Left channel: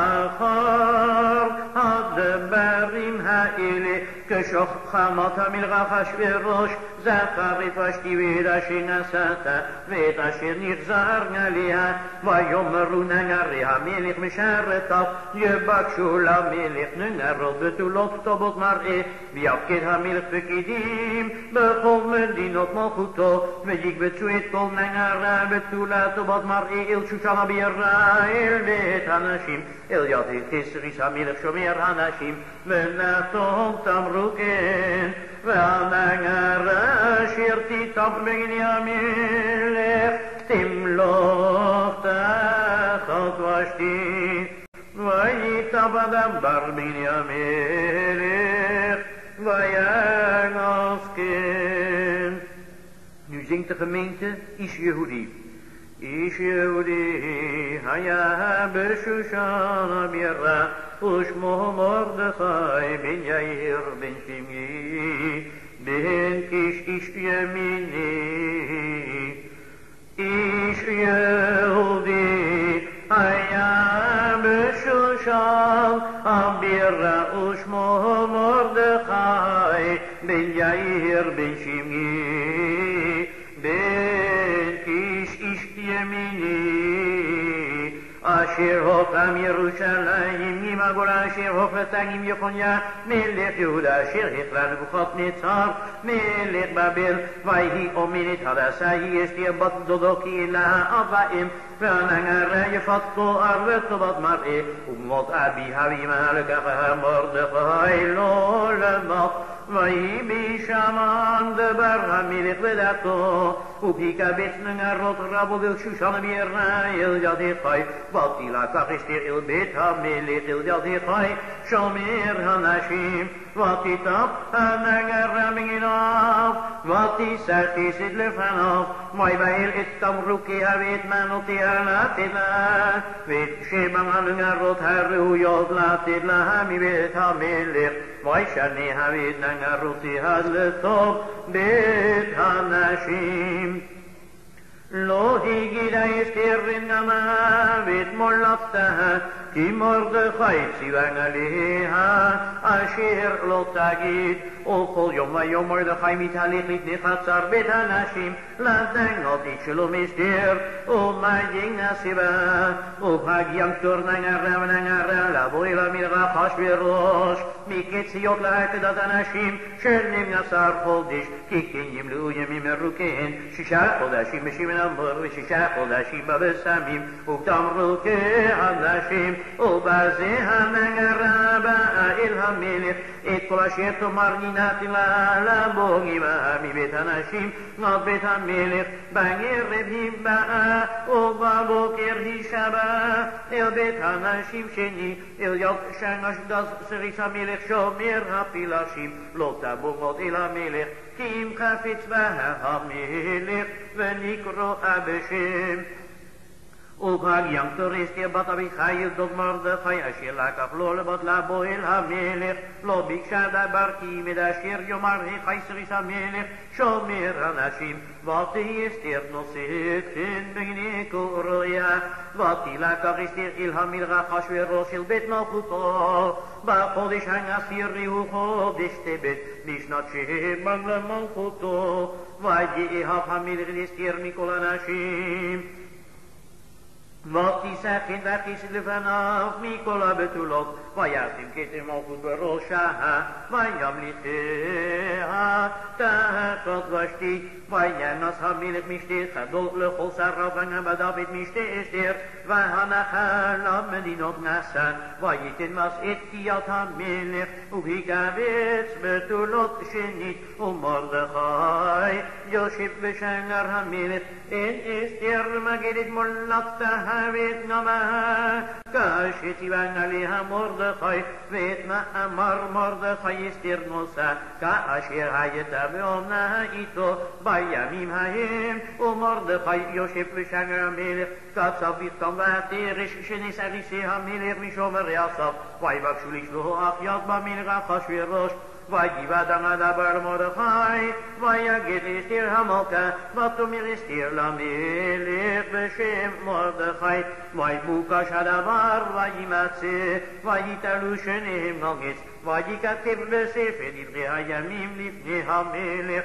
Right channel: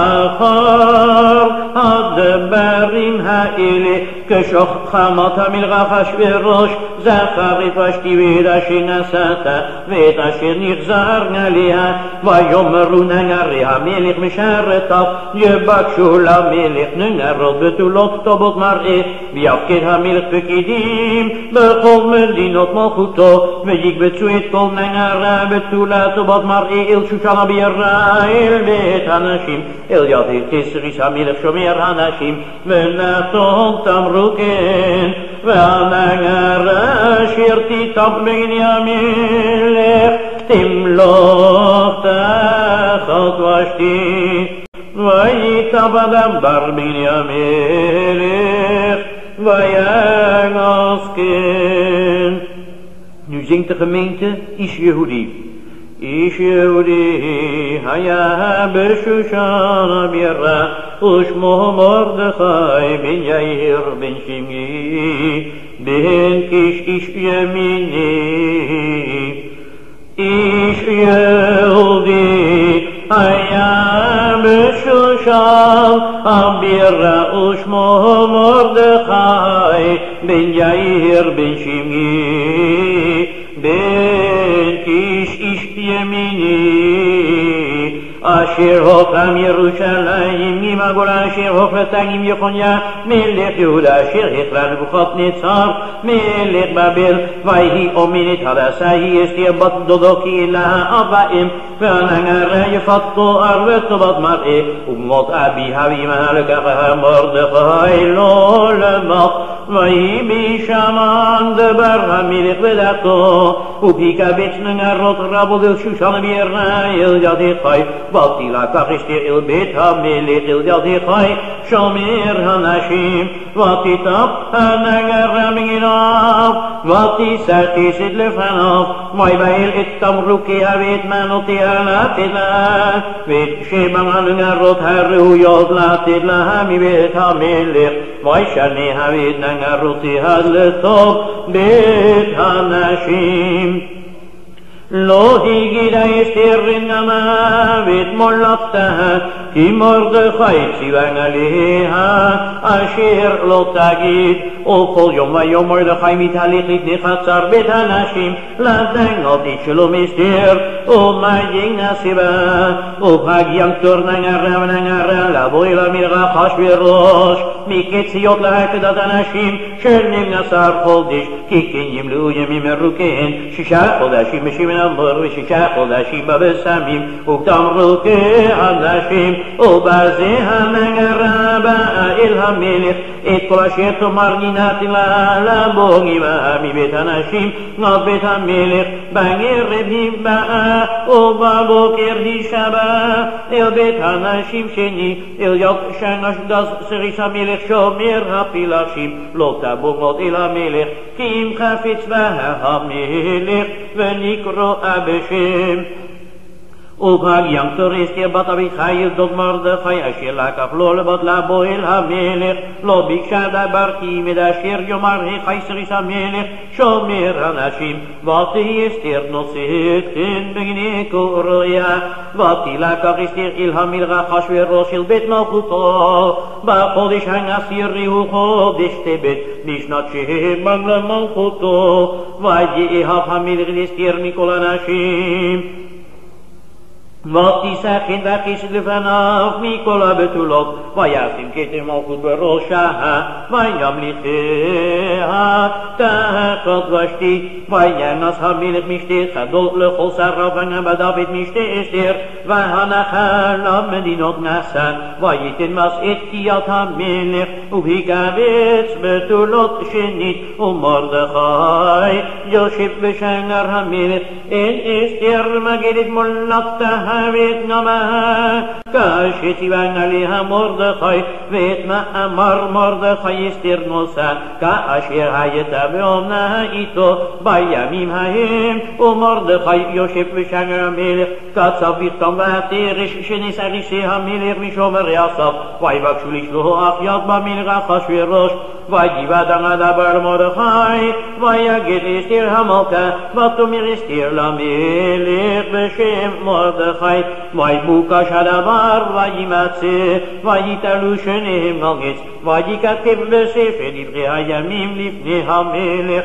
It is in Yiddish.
אחר הדברים האלה כשוך חמת המלכה אחשוורוש זכר את ושתי ואת אשר נשאת ואת אשר נגזר עליה ויאמרו נערי המלך משרתיו יבקשו למלך נערות בתולות כתובות מראה ויפקד המלך פקידים בכל מדינות מלכותו ויקבצו את כל נערה בתולה כתובות מראה אל שושן הבירה אל בית הנשים אל ידי תסריס המלך שומר הנשים ונתון תמרו כן והנערה אשר תיטב בגני המלך תמלוך תחת ושתי ויטב הדבר בגני המלך ויגנוס כן. Nu zingt de gemeente Ish Yehudi. Ish Yehudi היה בשושן הבירה ושמו מרדכי בן יאיר בן שמעי בן קיש איש ימיני. איש יהודי היה בשושן הבירה ושמו מרדכי בן יאיר בן שמעי בן קיש איש ימיני. אשר הוקם ירושלים ממגור אשר הופלתגים יחוניה מלך יהודה אשר הכרה נבוכדנצר מלך בבל ויהי אומנת הדסה היא אסתר בת דודו קהילה אבאים והנערה יפת תואר וטובת מראה ומות אביה ואמה לקחה מרדכי לא למות ויהי בשמן דבר המלך בדעתו ופיקבץ נערות רבות אל שושן הבירה אל ידי חי ותילקח אסתר אל בית המלך אל ידי חי שומר הנשים ותיטב הנערה מגיניו ותישא חסד לפניו ויבהל את תמרוקיה ואת מנותיה לתת לה ואת שבע הנערות הראויות לתת לה מבית המלך וישניה ואת נערותיה לטוב בית הנשים. לא הגידה אסתר נמה ואת מולדתה כי מרדכי ציווה עליה אשר לא תגיד וכל יום ויום מרדכי מתהלך לפני חצר בית הנשים לדנות את שלום אסתר ומגן הסיבה ובהגיע תור נערה ונערה לבוא אל המלך אחשוורוש מקציות להקדת הנשים של 12 חודש כי כן ימלאו ימים מרוכיהן 6 חודשים בשמן אמור ו6 חודשים בבשמים ותמרוקי הנשים ובזה הנערה באה אל המלך את כל אשר תאמר נתתי לה לבוא עמה מבית הנשים עד בית המלך בערב היא באה ובבוקר היא שבה אל בית הנשים שני אל יד שנשגז סריס המלך שומר הפילשים לא תבוא עוד אל המלך כי אם חפץ בה המלך ונקרא בשם. ובהגיע תור אסתר בת אביחיל דוד מרדכי אשר לקח לו לבת לבוא אל המלך לא ביקשה דבר כי עמד אשר יאמר החי סריס המלך שומר הנשים ותהי אסתר נושאת חן בגני קוריה ותילקח אסתר אל המלך אחשוורוש אל בית מלכותו בחודש העשירי הוא חודש טבת בשנת 7 למלכותו ויאהב המלך אסתר מכל הנשים ותישא חן וחסד לפניו מכל הבתולות וישים כתר מלכות בראשה וימליכיה תחת ושתי וינס המלך משתה חדול לכל שריו ונבדיו את משתה אסתר והנחה למדינות נשא וייתן מס את תקיעת המלך ובהיקבץ בתולות שנית ומרדכי יושב בשער המלך אין אסתר מגדת מולדתה ואת נמה כשציווה עליה מרדכי ואת מאמר מרדכי אסתר נושא כאשר הייתה באומנה איתו בימים ההם ומרדכי יושב בשער המלך קצב בכתב ותרש שנסריסי המלך משומרי הסף ויבקשו לשלוח יד במלך אחשוורוש ויבד הדבר מרדכי ויגד אסתר המלכה ותאמר אסתר למלך בשם מרדכי חי, ויבוקש הדבר וימצא, ויתלו שניהם על עץ, וייכתב בספר דברי הימים לפני המלך.